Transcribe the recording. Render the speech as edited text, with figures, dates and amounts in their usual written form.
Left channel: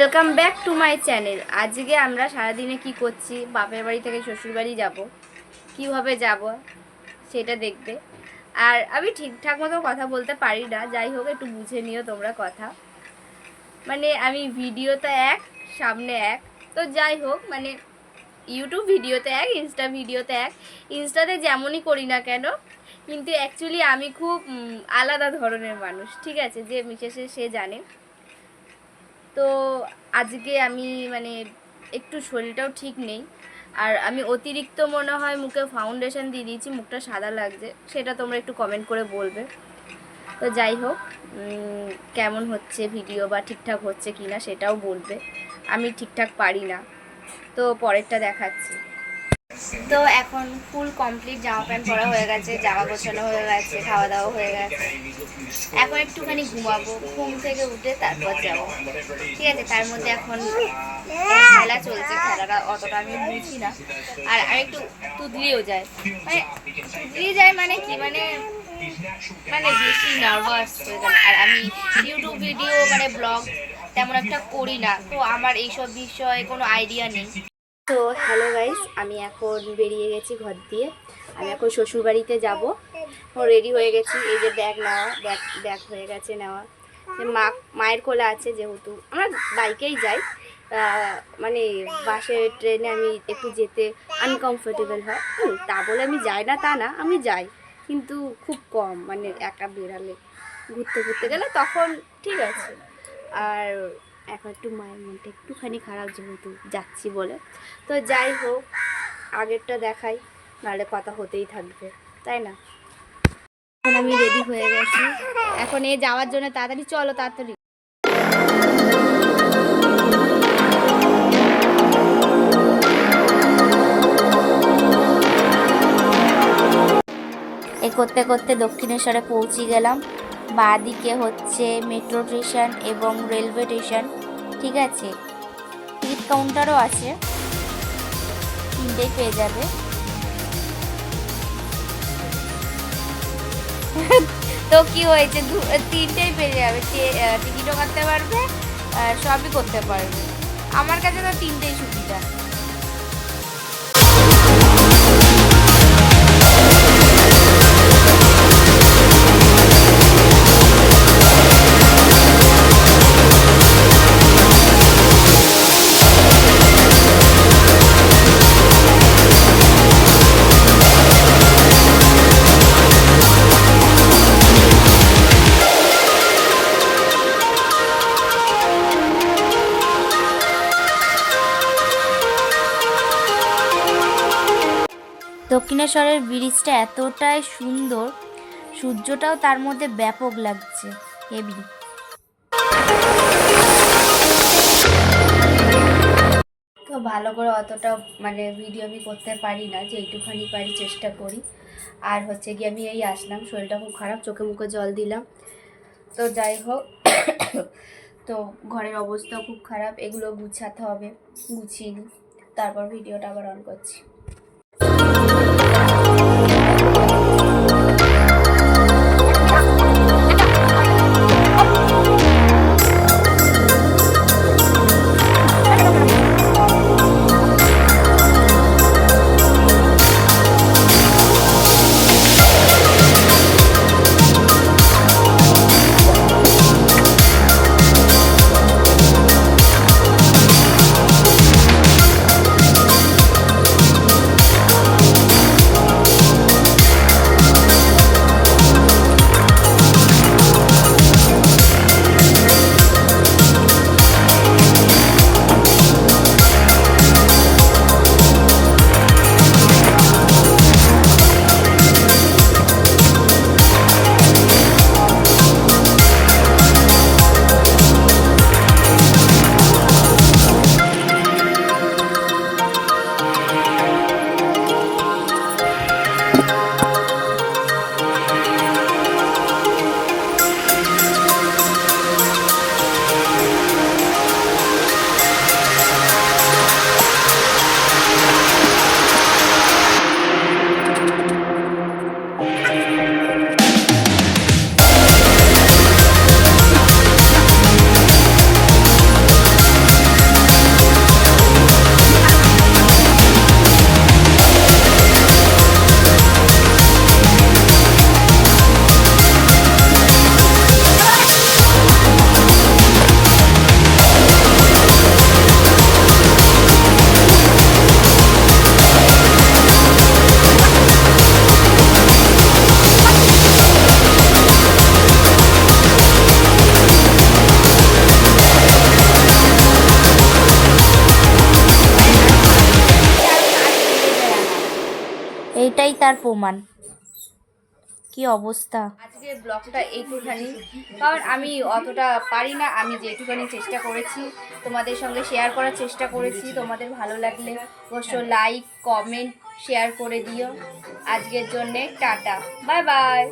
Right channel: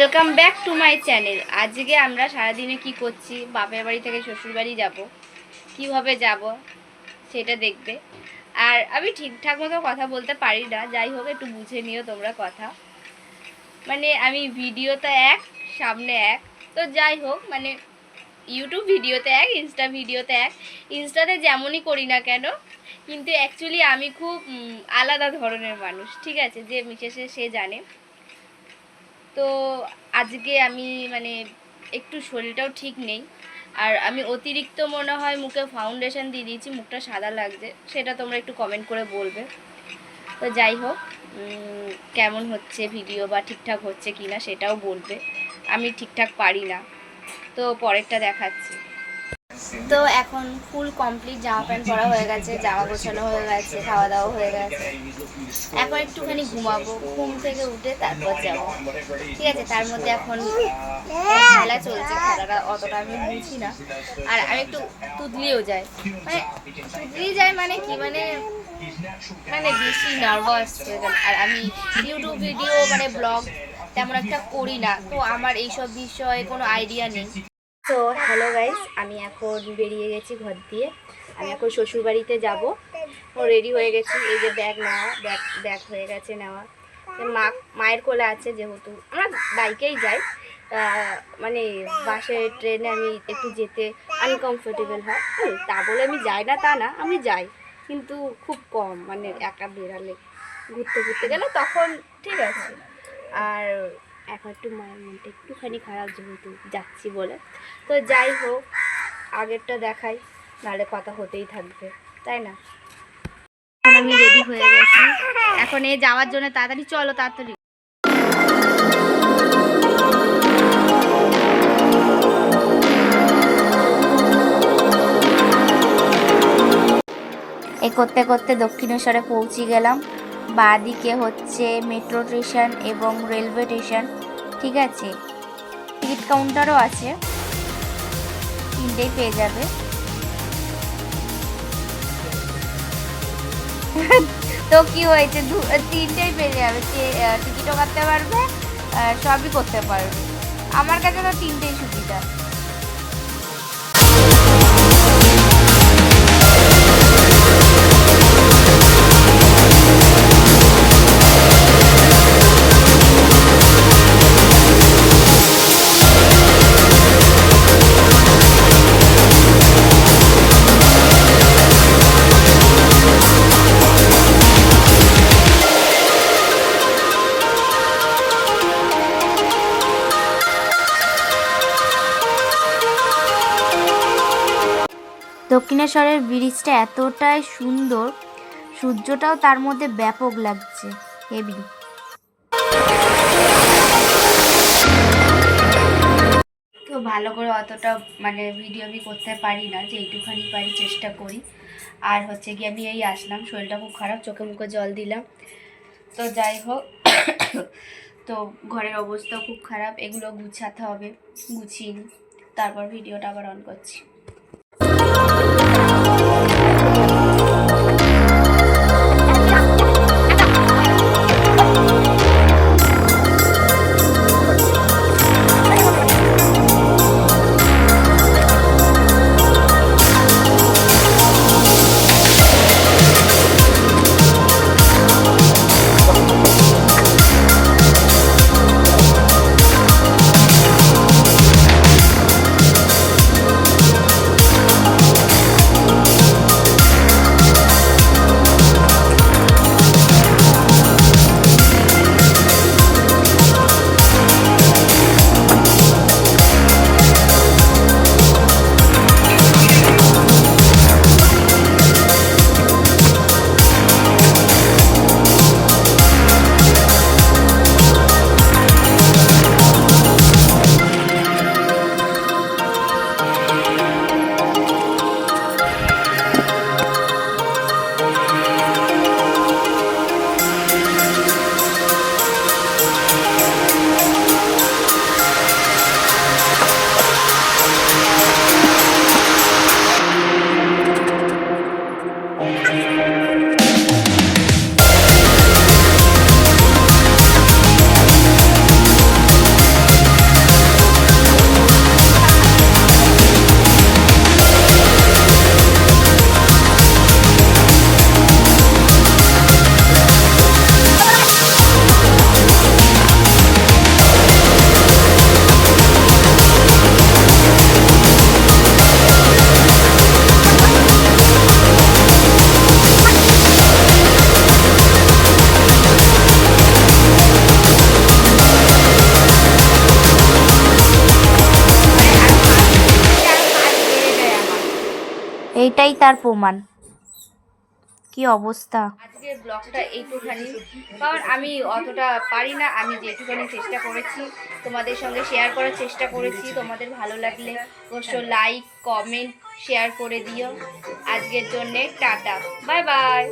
Welcome back to my channel. আজকে আমরা সারাদিনে কি করছি, বাপের বাড়ি থেকে শ্বশুর বাড়ি যাবো, কীভাবে যাব সেটা দেখবে। আর আমি ঠিকঠাক মতো কথা বলতে পারি না, যাই হোক একটু বুঝে নিও তোমরা কথা। মানে আমি ভিডিওতে এক, সামনে এক, তো যাই হোক মানে ইউটিউব ভিডিওতে এক, ইনস্টা ভিডিওতে এক। ইনস্টাতে যেমনই করি না কেন, কিন্তু অ্যাকচুয়ালি আমি খুব আলাদা ধরনের মানুষ, ঠিক আছে? যে মিশেছে সে জানে। তো আজকে আমি মানে একটু শরীরটাও ঠিক নেই, আর আমি অতিরিক্ত মনে হয় মুখে ফাউন্ডেশন দিয়ে দিয়েছি, মুখটা সাদা লাগছে, সেটা তোমরা একটু কমেন্ট করে বলবে। তো যাই হোক, কেমন হচ্ছে ভিডিও বা ঠিকঠাক হচ্ছে কি না সেটাও বলবে। আমি ঠিকঠাক পারি না, তো পরেরটা দেখাচ্ছি। তো এখন ফুল কমপ্লিট, জামা প্যান্ট পরা হয়ে গেছে, জামা গোছানো হয়ে গেছে, খাওয়া দাওয়া হয়ে গেছে। এখন একটুখানি ঘুমাবো, ঘুম থেকে উঠে তারপর যাবো, ঠিক আছে? তার মধ্যে এখন খেলা চলছে, খেলাটা অতটা আমি বুঝি না। আর আমি একটু তুদলিও যায়, মানে তুদলি যায় মানে কি, মানে মানে বেশি নার্ভাস হয়ে গেল। আর আমি ইউটিউব ভিডিও মানে ব্লগ তেমন একটা করি না, তো আমার এইসব বিষয়ে কোনো আইডিয়া নেই। তো হ্যালো গাইস, আমি এখন বেরিয়ে গেছি ঘর দিয়ে। আমি এখন শ্বশুরবাড়িতে যাব। ও রেডি হয়ে গেছি, এই যে ব্যাগ নেওয়া, ব্যাগ হয়ে গেছে নেওয়া। মায়ের কোলে আছে, যেহেতু আমরা বাইকেই যাই, মানে বাসে ট্রেনে আমি একটু যেতে আনকমফোর্টেবল হয়। তা বলে আমি যাই না তা না, আমি যাই, কিন্তু খুব কম, মানে একা বেরালে ঘুরতে ঘুরতে গেলে তখন ঠিক আছে। আর এখন একটু মায়ের মনটা একটুখানি খারাপ, যেহেতু যাচ্ছি বলে। তো যাই হোক, আগেরটা দেখাই, নাহলে কথা হতেই থাকবে, তাই না? এখন আমি রেডি হয়ে গেছি, এখন এ যাওয়ার জন্য তাড়াতাড়ি চলো, তাড়াতাড়ি। এই করতে করতে দক্ষিণেশ্বরে পৌঁছে গেলাম। বাঁদিকে হচ্ছে মেট্রো স্টেশন এবং রেলওয়ে স্টেশন, ঠিক আছে? টিকিট কাউন্টারও আছে, তিনটেই পেয়ে যাবে। তো কি হয়েছে, তিনটেই পেয়ে যাবে, টিকিটও কাটতে পারবে আর সবই করতে পারবে। আমার কাছে তো তিনটেই সুবিধা। দক্ষিণেশ্বরের ব্রিজটা এতটাই সুন্দর, সূর্যটাও তার মধ্যে ব্যাপক লাগছে, হেভি। তো ভালো করে অতটা মানে ভিডিও আমি করতে পারি না, যে এইটুখানি পারি চেষ্টা করি। আর হচ্ছে গিয়ে আমি এই আসলাম, শরীরটা খুব খারাপ, চোখে মুখে জল দিলাম। তো যাই হোক, তো ঘরের অবস্থাও খুব খারাপ, এগুলো গুছাতে হবে, গুছিয়ে নিই, তারপর ভিডিওটা আবার অন করছি। এইটাই তার প্রমাণ। কি অবস্থা। আজকে ব্লগটা এইটুখানি, কারণ আমি অতটা পারি না, আমি যেটুখানি চেষ্টা করেছি তোমাদের সঙ্গে শেয়ার করার চেষ্টা করেছি। তোমাদের ভালো লাগলে অবশ্য লাইক কমেন্ট শেয়ার করে দিও। আজকের জন্যে টাটা, বাই বাই।